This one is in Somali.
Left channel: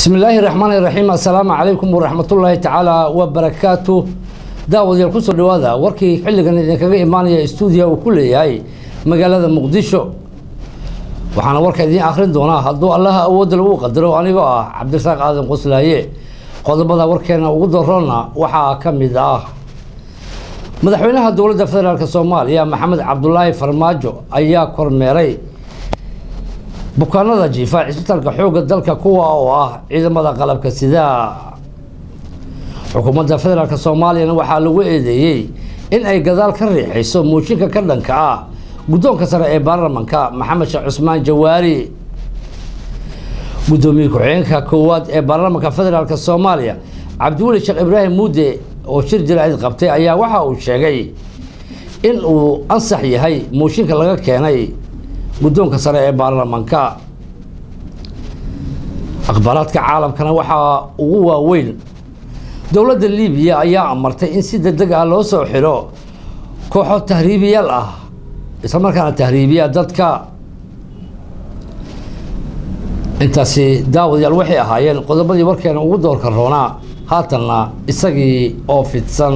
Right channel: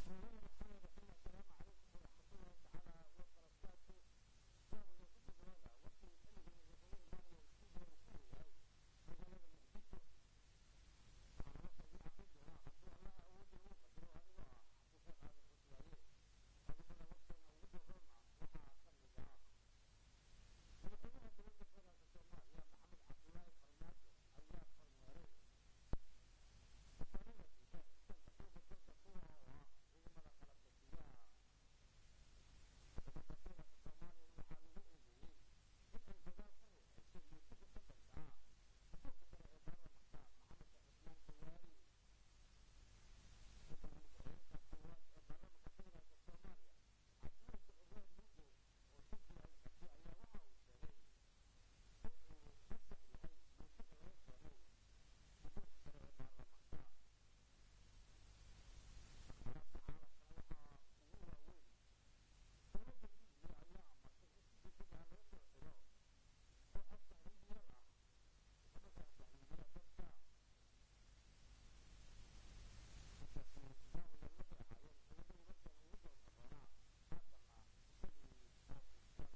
بسم الله الرحمن الرحيم. السلام عليكم ورحمة الله تعالى وبركاته. داود يلقص الرواده وركي حلقا إذا كان إيمانيا استوديو وكل هاي مقالة مقدشو وحنا وركي ذي آخرين دونا هدو الله أود لو قدروا أنا بقى عبد الرزاق آدم قصلايه قد بدأ وركينا وقدرنا وحا كمدا مدحوينها الدولة الفدرالية الصومالية محمد عبد الله فرماجو أيا كورميري bukaanada jiifa cisbitalka xooga dalka kuwa oo ah ciidamada qalabka sida xukuumadda federaalka Soomaaliya waxaa lagu eedeeyay in ay gadaal ka riixayso mooshinka ka dhanka ah guddoonka sare ee baarlamaanka Maxamed Sheekh Cusmaan Jawaari gudoomiye ku-xigeenka koowaad ee baarlamaanka federaalka Soomaaliya Cabdiweli Sheekh Ibraahim Muude oo shir jiraa'id qabtay ayaa waxa uu sheegay in uu ansax yahay mooshinka laga keenay guddoonka sare ee baarlamaanka akhbaaraadka caalamkana waxaa ugu waaweyn dowladda Liibiya ayaa amartay in si degdeg ah loo soo xiro kooxo tahriibiyaal ah isla markaana tahriibiya dadka intaasi daawadayaal waxay ahaayeen qodobadii warkeena ugu doorka roonaa haatanna isagii oo fidsan